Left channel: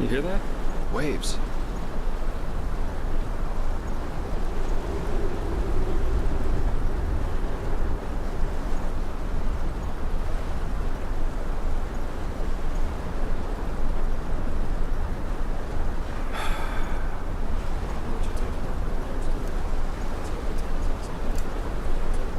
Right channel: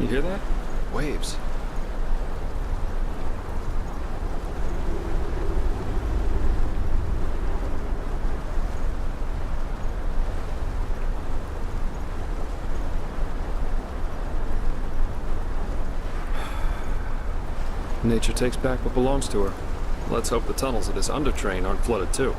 You hear that? Waves. Nature takes back what belongs to her. Let's hope the tunnels of this undertrain aren't flooded too.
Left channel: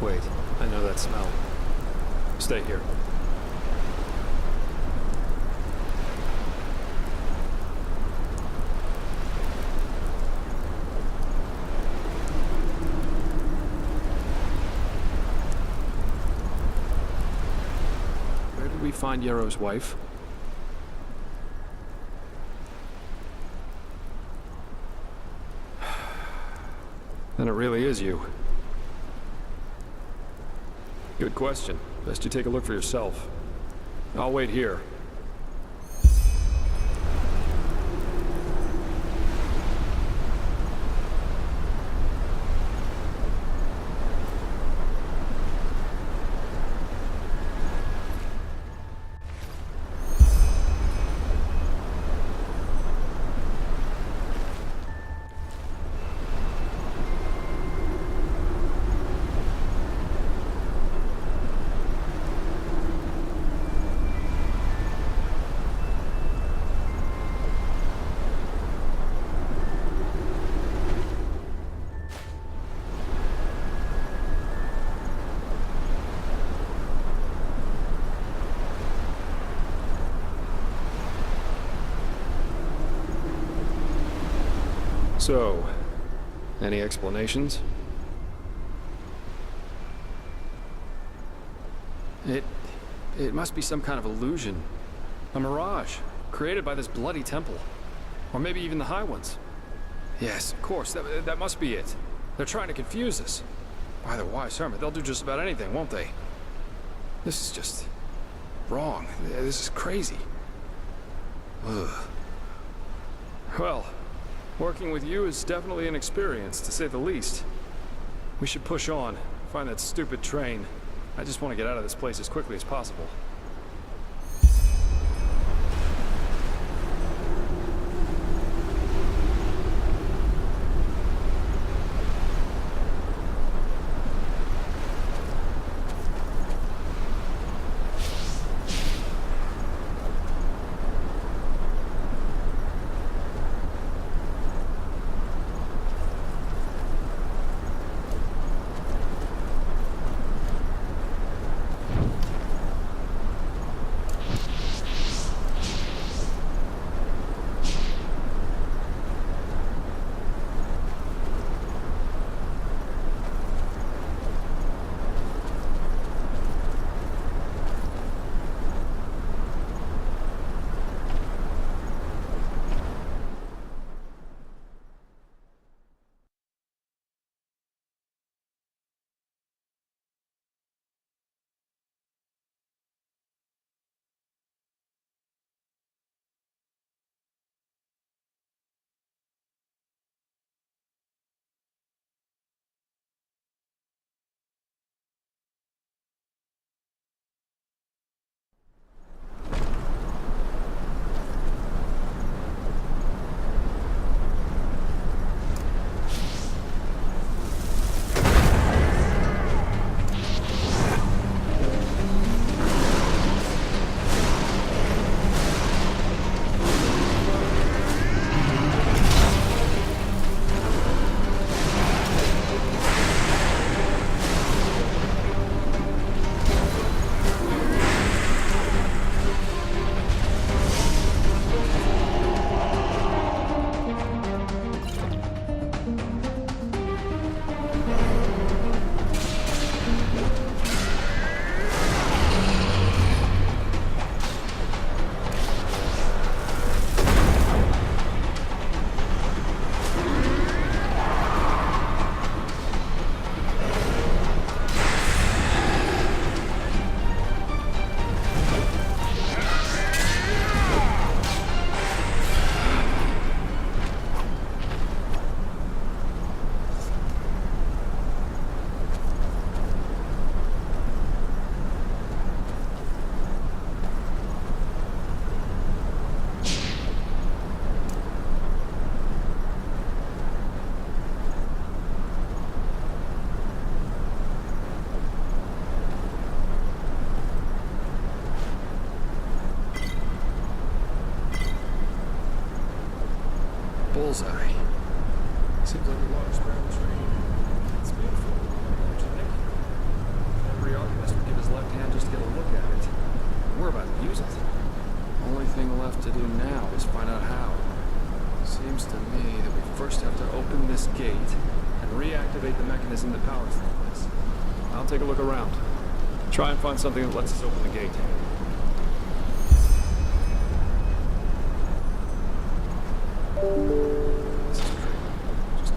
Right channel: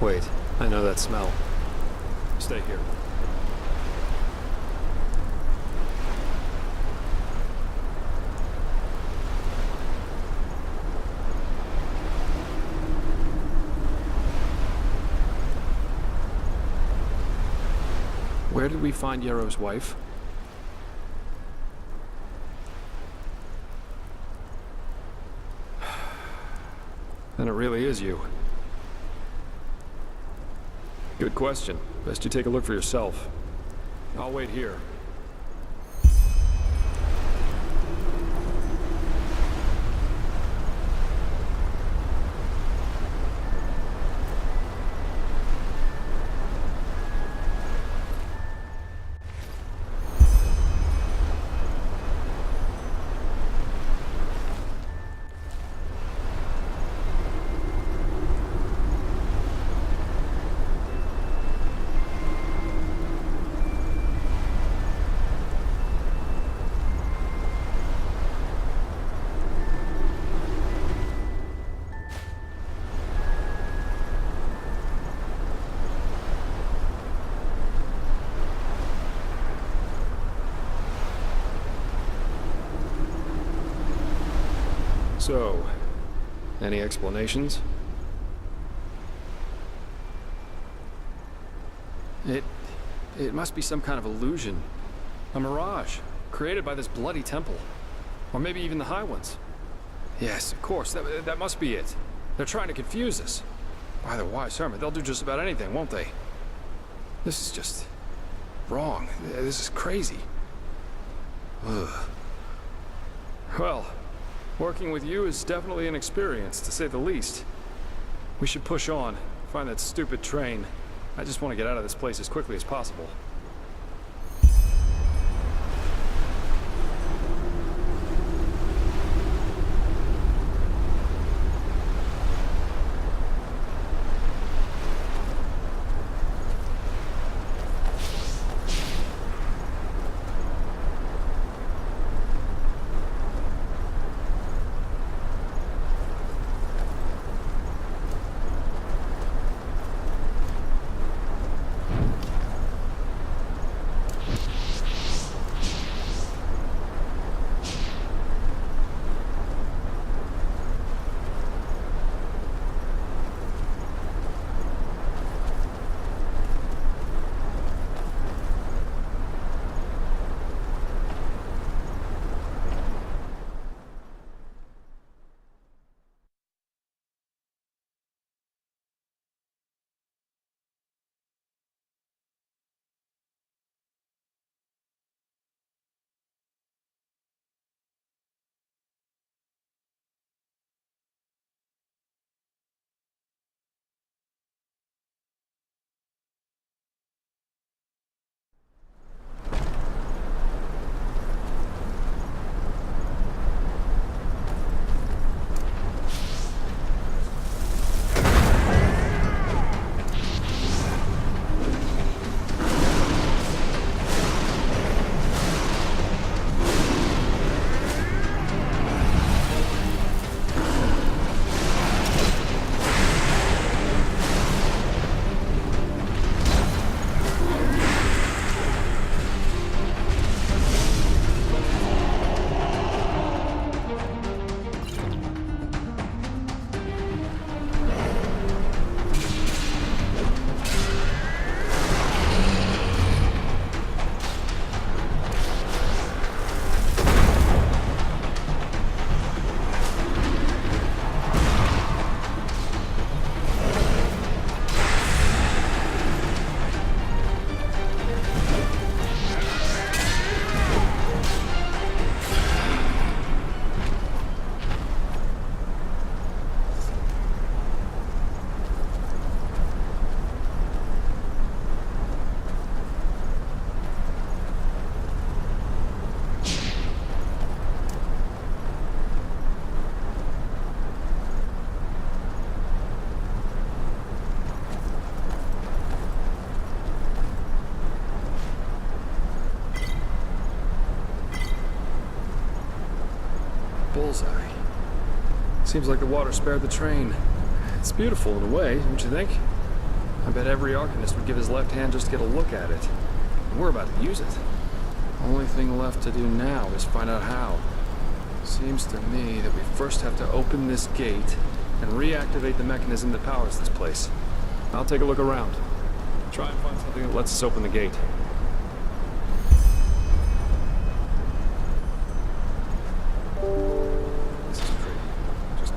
Wait, I know that smell. Stay here. Where did we find Yarrow's wife? Then it really is you. Good question. Best you take a look for yourself. I'll wait here. So, any explanations? It must be some kind of illusion. A mirage, created by this bloody temple. Or maybe even the High Ones. Yes, of course, that must be it. They're trying to confuse us. By the wise hermit, they'll do just about anything, won't they? This is just wrong. This is crazy. Ugh. Well, working with you is definitely an experience, to say the least. We should push on, find that stupid train. I just want to get out of this place as quickly as possible. bullseye. Seems like the water spared the train. It's beautiful in a way, don't you think? I bet every arcanist would give his left hand just to get a look at it. And we're about to use it. Only thing left to do now is find out how. Seems to me that we first have to open this gate and reactivate the mechanism that powers this place. I'll take a look around. Try and find something that lets us open the gate. This is great. Just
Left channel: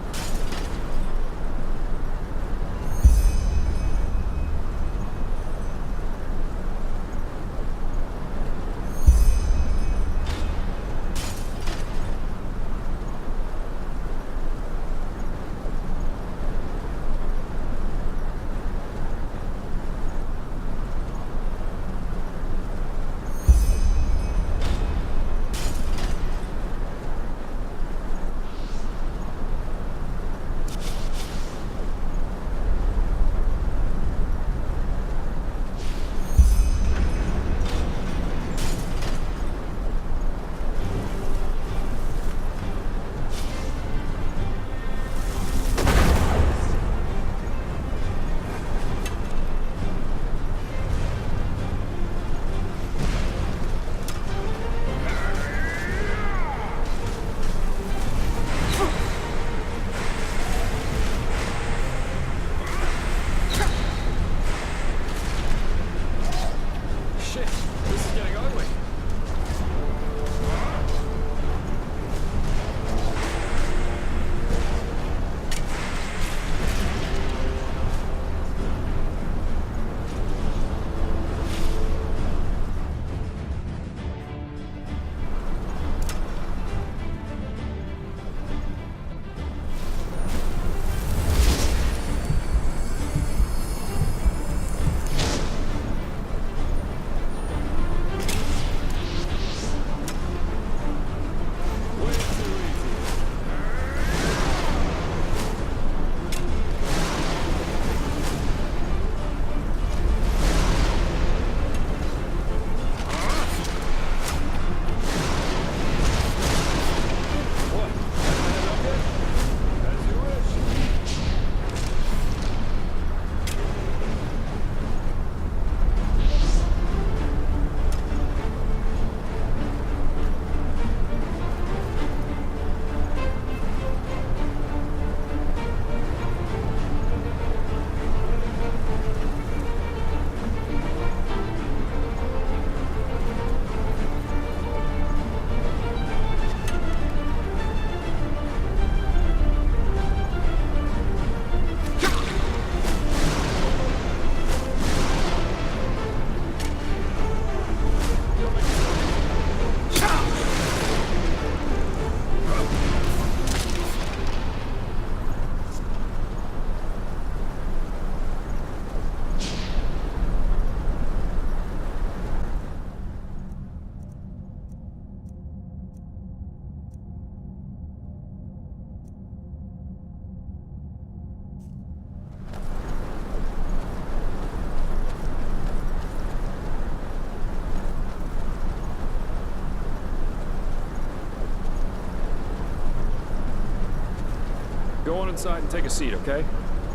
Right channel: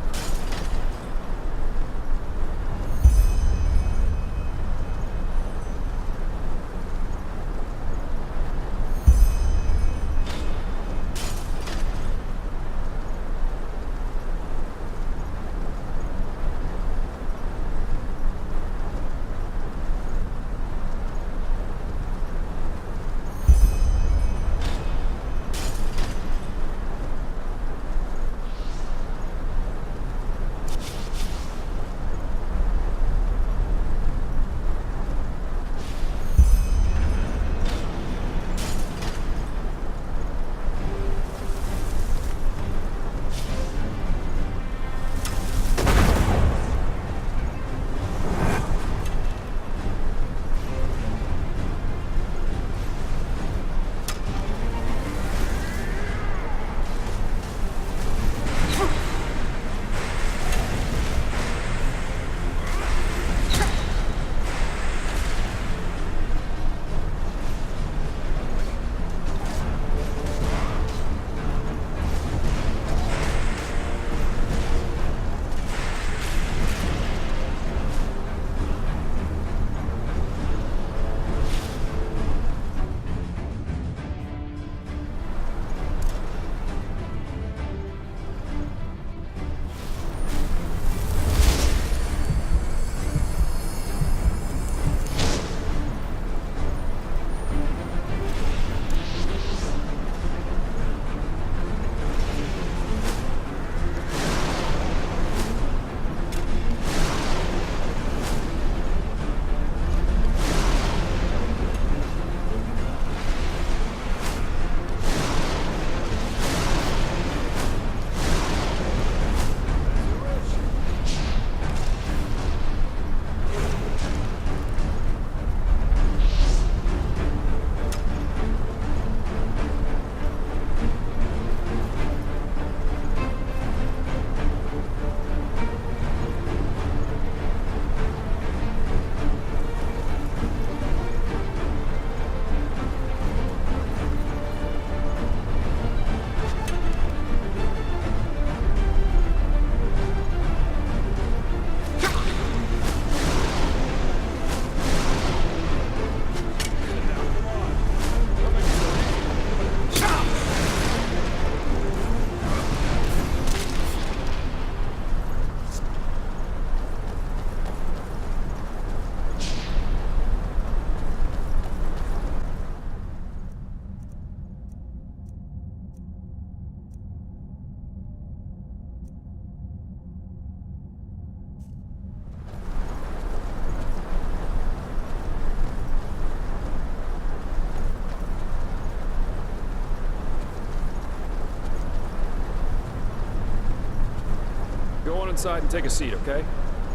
go on inside and take a seat, okay?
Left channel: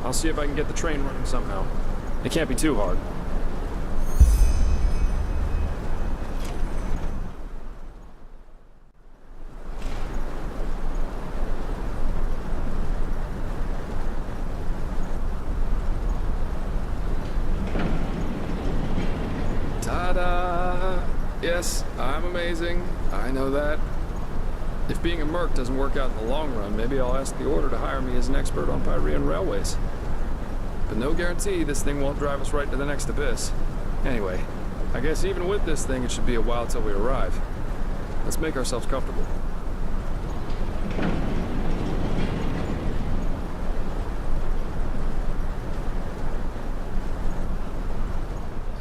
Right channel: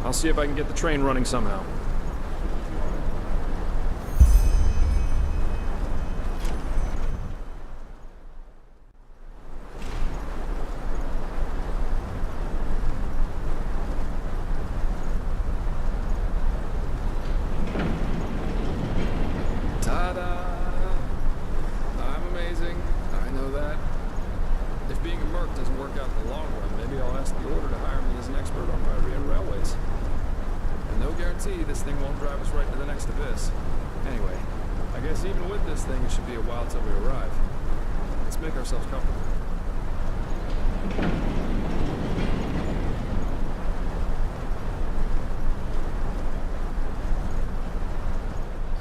I'll see if I can get the train running somehow. It can't be too hard. Ta-da! Yes, I'm amazing. I know that. If being a merc doesn't work out in the long run, maybe I'll ask the Order to hire me as an expert on Pyrean railways. But no guarantee this thing won't drive us right to the next abyss. Anyway, I guess even with this thing, it should be a while till we arrive. Let's make ourselves comfortable.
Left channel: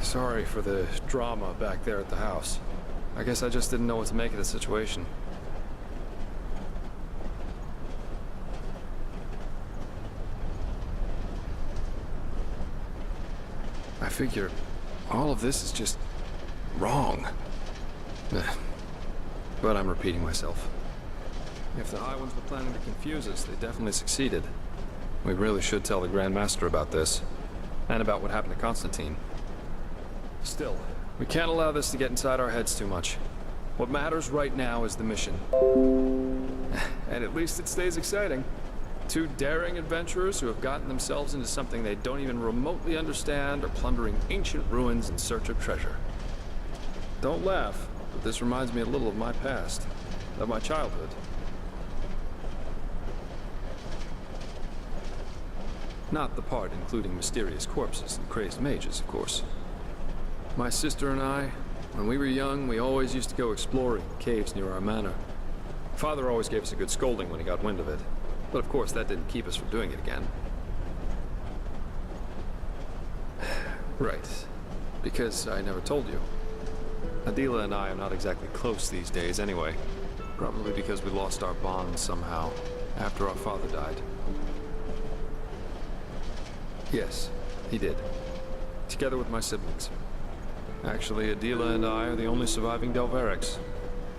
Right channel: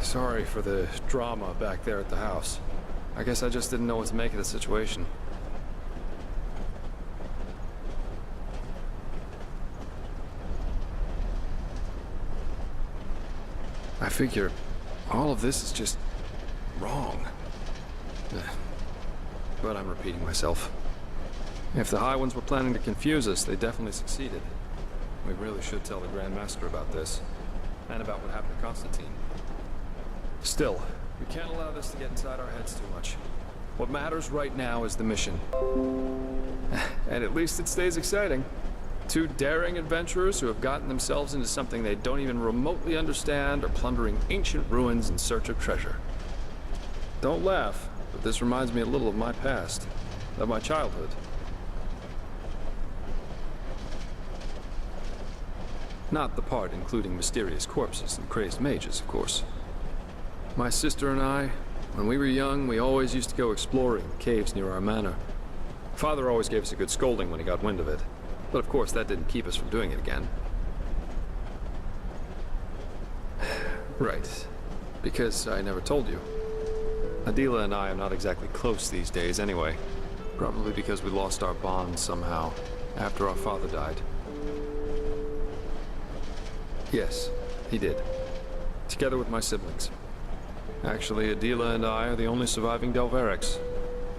Sorry for the drama back there at the house. I guess I just didn't know what to make of the situation. I figure all of this is just wrong. But I'm repeating myself. If the High Ones were planning to confuse us, they definitely succeeded. We really should tell the Grand Master about this, and about what happened to Constantine. Still, we can't allow this to get inside our heads too much. What matters right now is the mission. And at least it stays exciting. Two daring adventurers who have gotten themselves into something they don't even remotely understand are plundering ancient ruins in search of treasure. Don't laugh, but this reminds me a little of my past, of my childhood. Not the part including mysterious corpses and crazed mages, of course. My sister and I, when we were young, we always used to go exploring the caves near our manor. Father always gave us a good scolding when he got wind of it, but of course that didn't keep us from doing it again. Right, because I never told you. Adila and I are not exactly close these days anyway, probably because we lost our bond somehow after our father died. Yes, he did. Together with my siblings. Actually, Adila and I are the only surviving Delverics.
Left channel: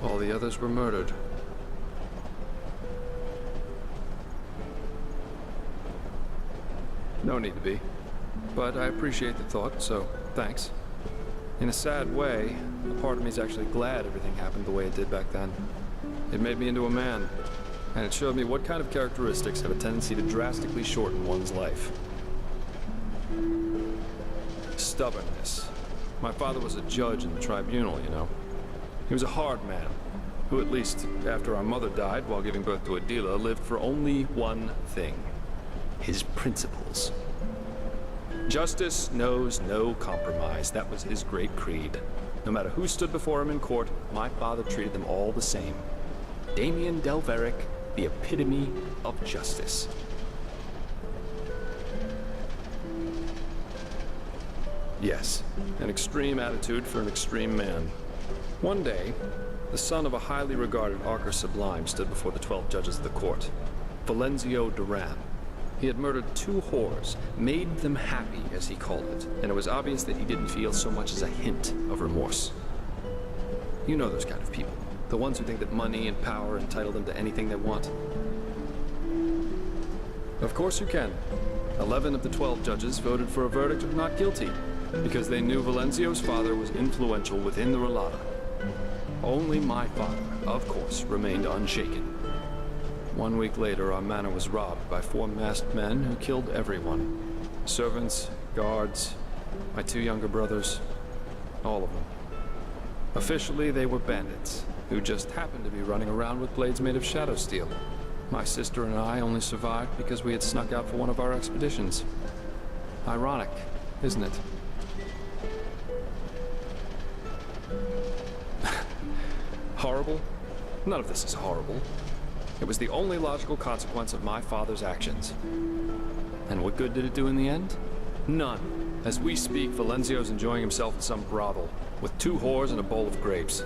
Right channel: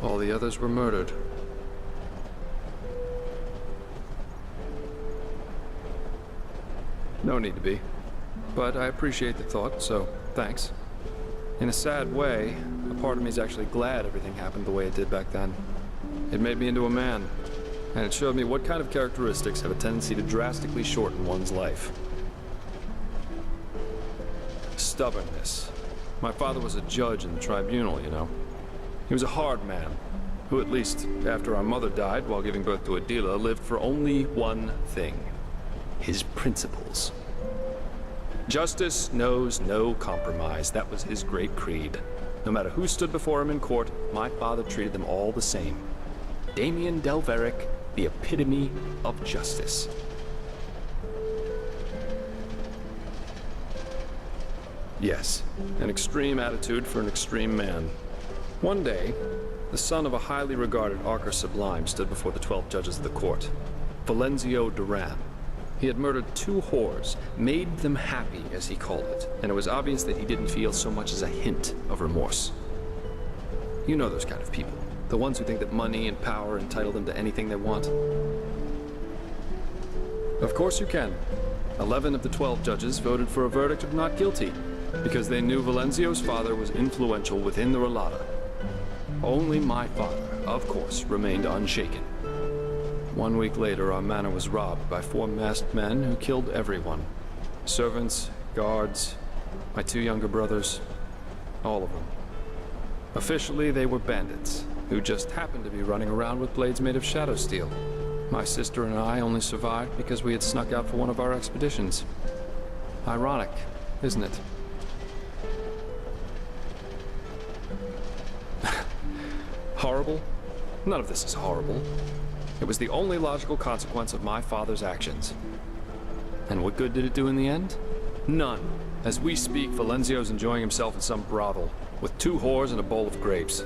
All the others were murdered. No need to be. But I appreciate the thought, so thanks. In a sad way, a part of me is actually glad everything happened the way it did back then. It made me into a man, and it showed me what kind of characteristics have a tendency to drastically shorten one's life. Stubbornness. My father was a judge in the tribunal, you know. He was a hard man, who at least, after our mother died while giving birth to Adila, lived for only one thing. His principles. Justice knows no compromise. That was his great creed. No matter who stood before him in court, my father treated them all the same. Damien Delveric, the epitome of justice. Yes, an extreme attitude for an extreme man. One day, the son of a highly regarded Archer Sublime stood before the 12 judges of the court. Valenzio Duran. He had murdered 2 whores, made them happy, as he called it, and it was obvious that he didn't feel so much as a hint of remorse. You know those kind of people, the ones who think that money and power entitle them to anything they want. Of course you can. 11 of the 12 judges voted for a verdict of not guilty, because they knew Valenzio's father was influential within the Relata. Only my father, of course, remained unshaken. 1 week later, our manor was robbed by 4 masked men who killed everyone. Servants, guards, my 2 younger brothers, all of them. Officially, they were bandits, who just happened to be running around with blades made of shadow steel. My sister and I only survived because we had snuck out for one of our expeditions. Ironic, isn't it? Horrible? None of this is horrible. It was the only logical consequence of my father's actions. And what good did it do in the end? None. As we speak, Valenzio's enjoying himself in some brothel, with 2 whores and a bowl of grapes.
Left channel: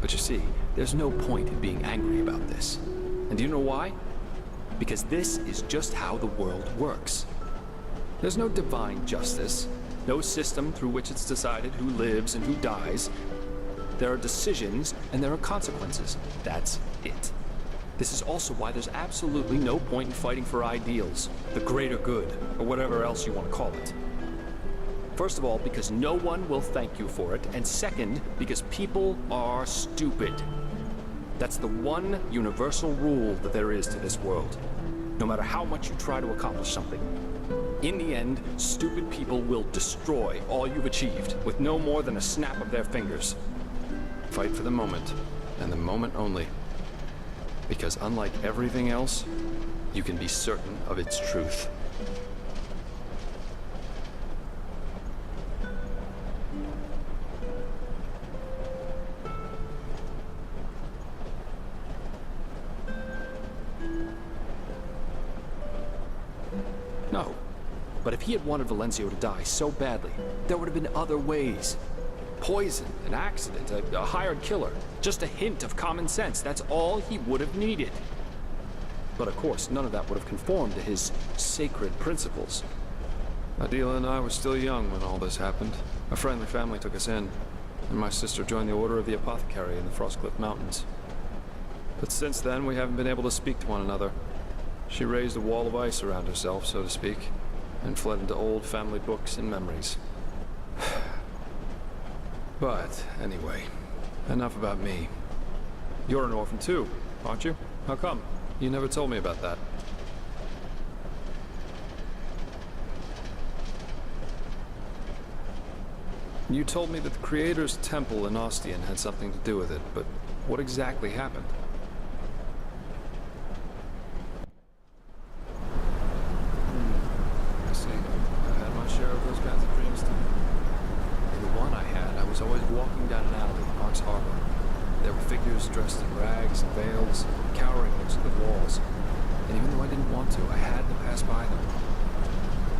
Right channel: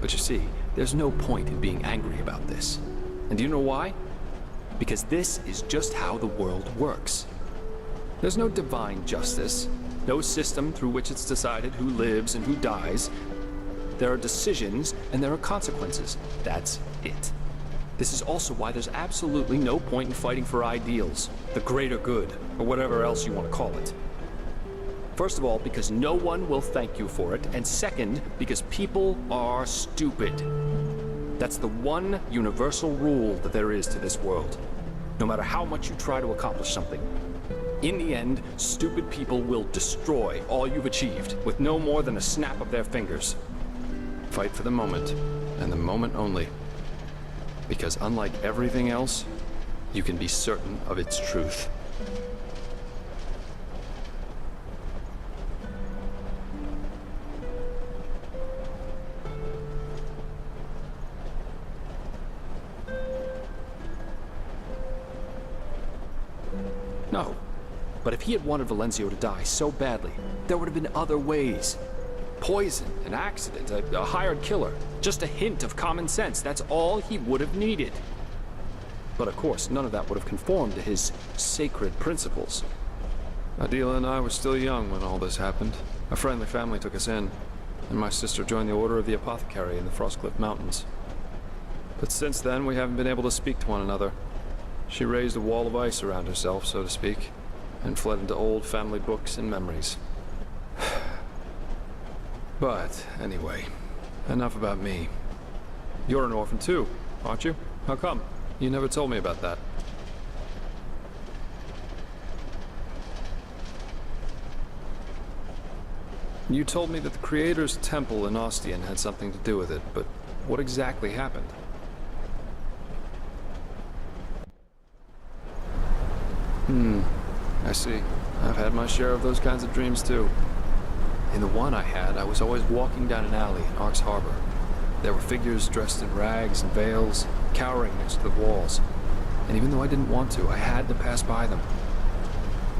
But you see, there's no point in being angry about this. And do you know why? Because this is just how the world works. There's no divine justice, no system through which it's decided who lives and who dies. There are decisions and there are consequences. That's it. This is also why there's absolutely no point in fighting for ideals, the greater good, or whatever else you want to call it. First of all, because no one will thank you for it, and second, because people are stupid. That's the one universal rule that there is to this world. No matter how much you try to accomplish something, in the end, stupid people will destroy all you've achieved with no more than a snap of their fingers. Fight for the moment, and the moment only. Because unlike everything else, you can be certain of its truth. No. But if he had wanted Valenzio to die so badly, there would have been other ways. Poison, an accident, a hired killer. Just a hint of common sense. That's all he would have needed. But of course, none of that would have conformed to his sacred principles. Adila and I were still young when all this happened. A friendly family took us in, and my sister joined the Order of the Apothecary in the Frostcliff Mountains. But since then, we haven't been able to speak to one another. She raised a wall of ice around herself, so to speak, and fled into old family books and memories. But, anyway, enough about me. You're an orphan too, aren't you? How come? You never told me about that. You told me that the Creator's temple in Ostian had something to do with it, but what exactly happened? I see. I've had my share of those kinds of dreams too. In the one I had, I was always walking down an alley in Arx Harbor. There were figures dressed in rags and veils, cowering next to the walls. And even though I didn't want to, I had to pass by them.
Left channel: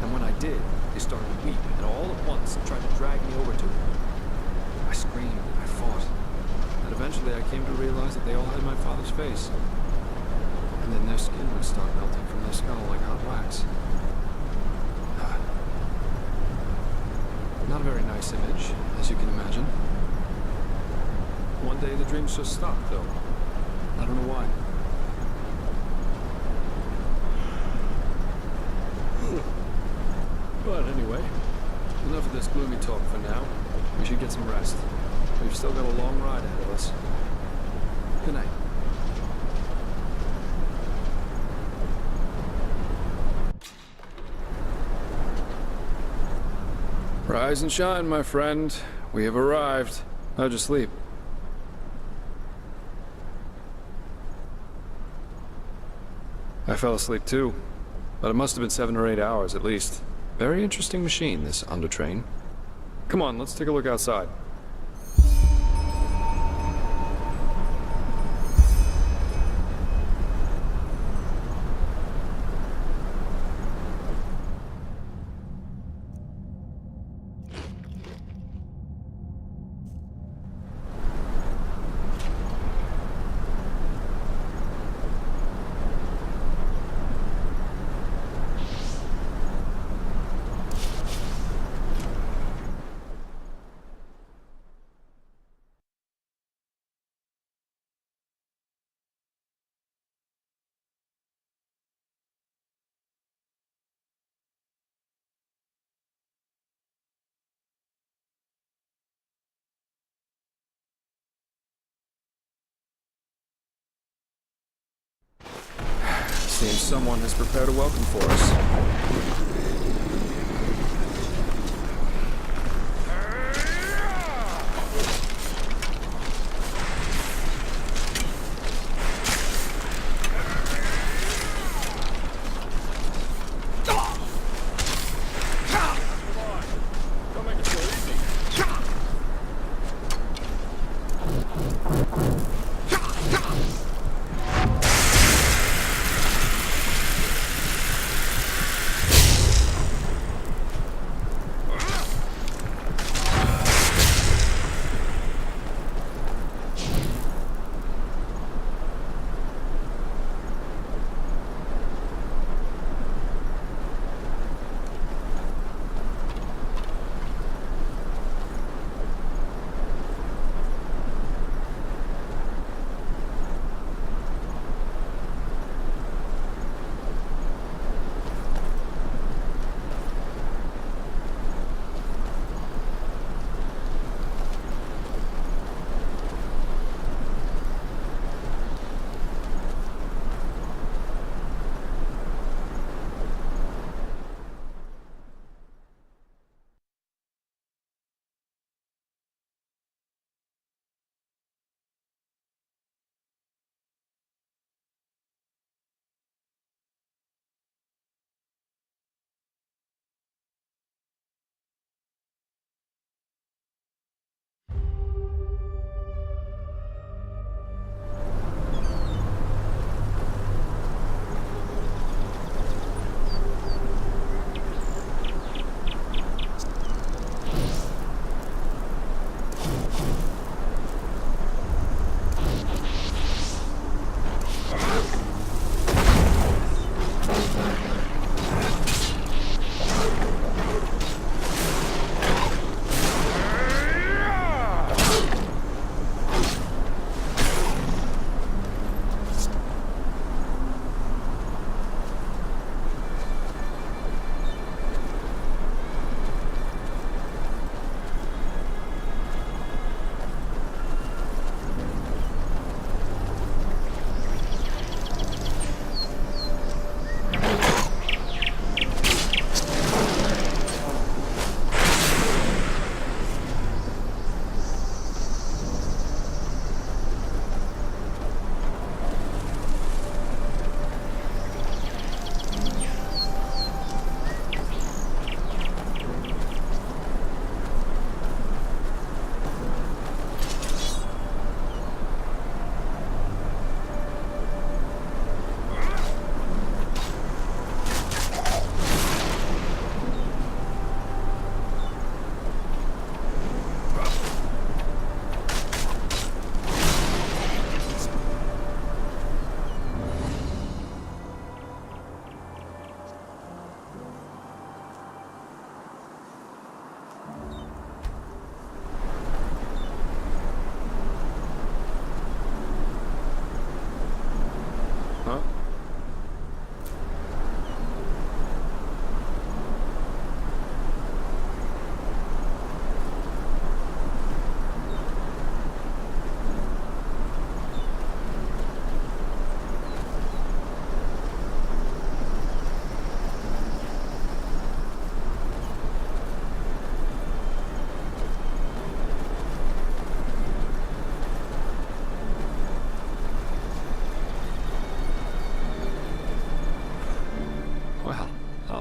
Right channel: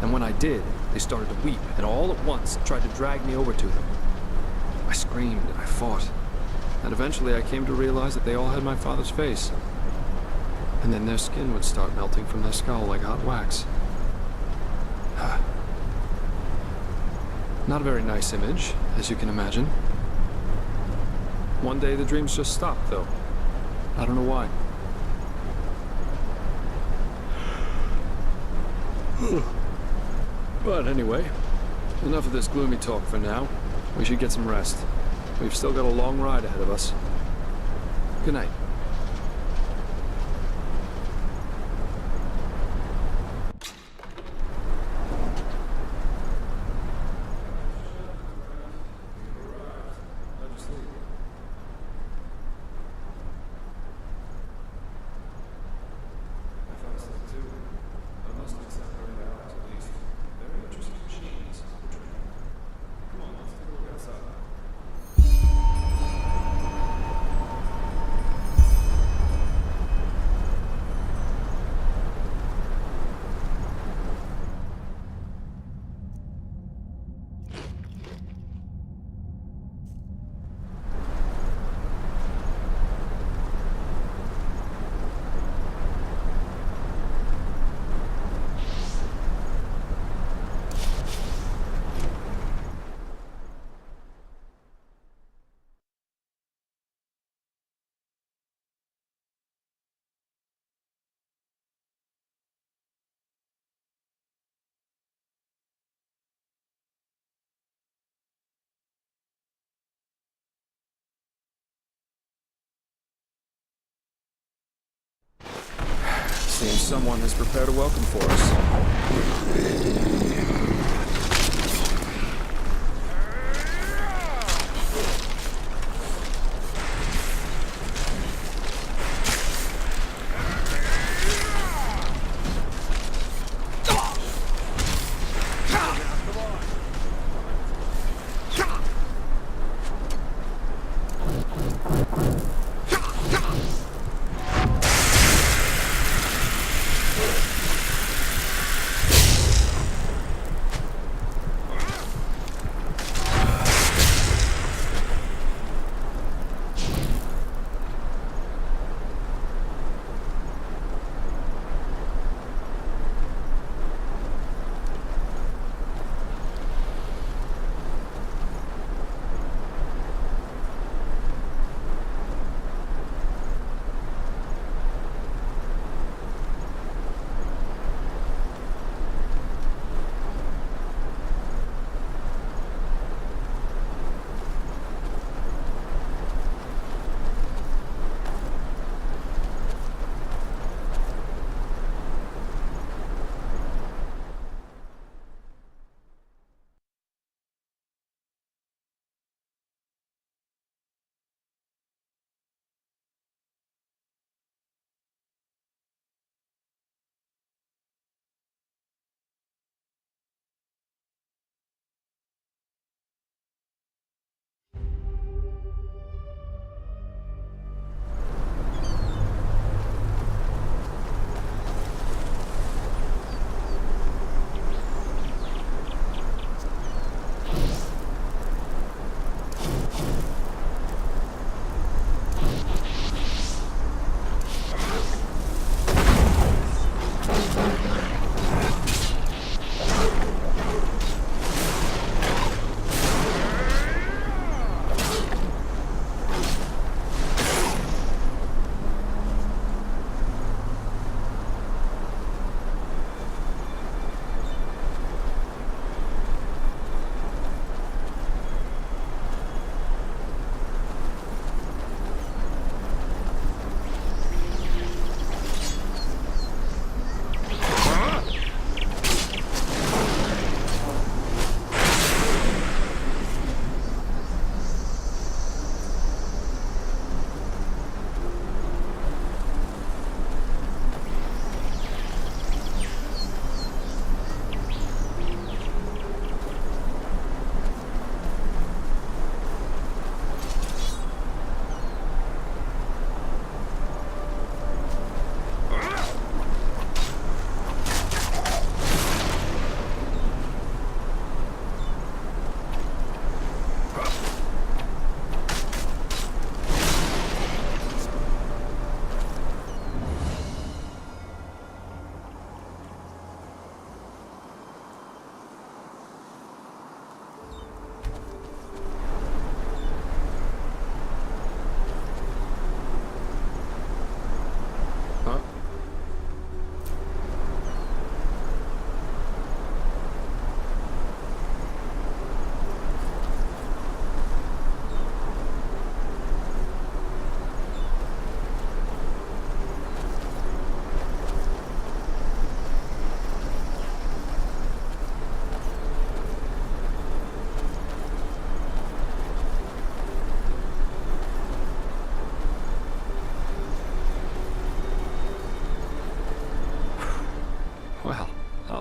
And when I did, they started to weep, and all at once tried to drag me over to them. I screamed and I fought. And eventually I came to realize that they all had my father's face. And then their skin would start melting from their skull like hot wax. Not a very nice image, as you can imagine. One day the dreams just stopped, though. I don't know why. But anyway, enough of this gloomy talk for now. We should get some rest. We've still got a long ride ahead of us. Good night. Rise and shine, my friend. We have arrived. How'd you sleep? I fell asleep too, but it must have been 7 or 8 hours at least. Very interesting machine, this Undertrain. Come on, let's take a look outside. Seems someone has prepared a welcome for us.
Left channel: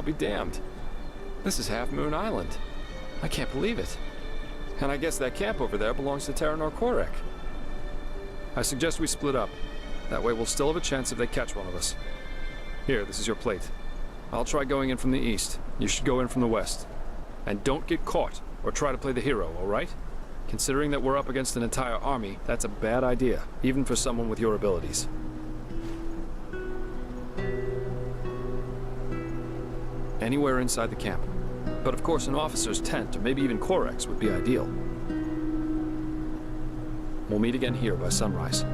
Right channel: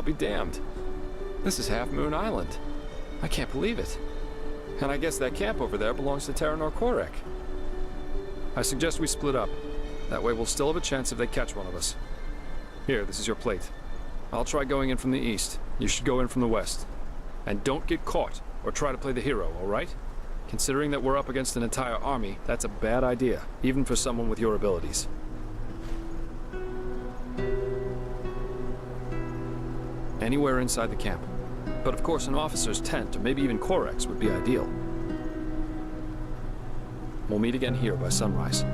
be damned. This is Half Moon Island. I can't believe it. And I guess that camp over there belongs to Terranor Korek. I suggest we split up. That way we'll still have a chance if they catch one of us. Here, this is your plate. I'll try going in from the east. You should go in from the west. And don't get caught, or try to play the hero, alright? Considering that we're up against an entire army, that's a bad idea, even for someone with your abilities. Anywhere inside the camp. But of course an officer's tent, or maybe even Korek's, would be ideal. We'll meet again here by sunrise.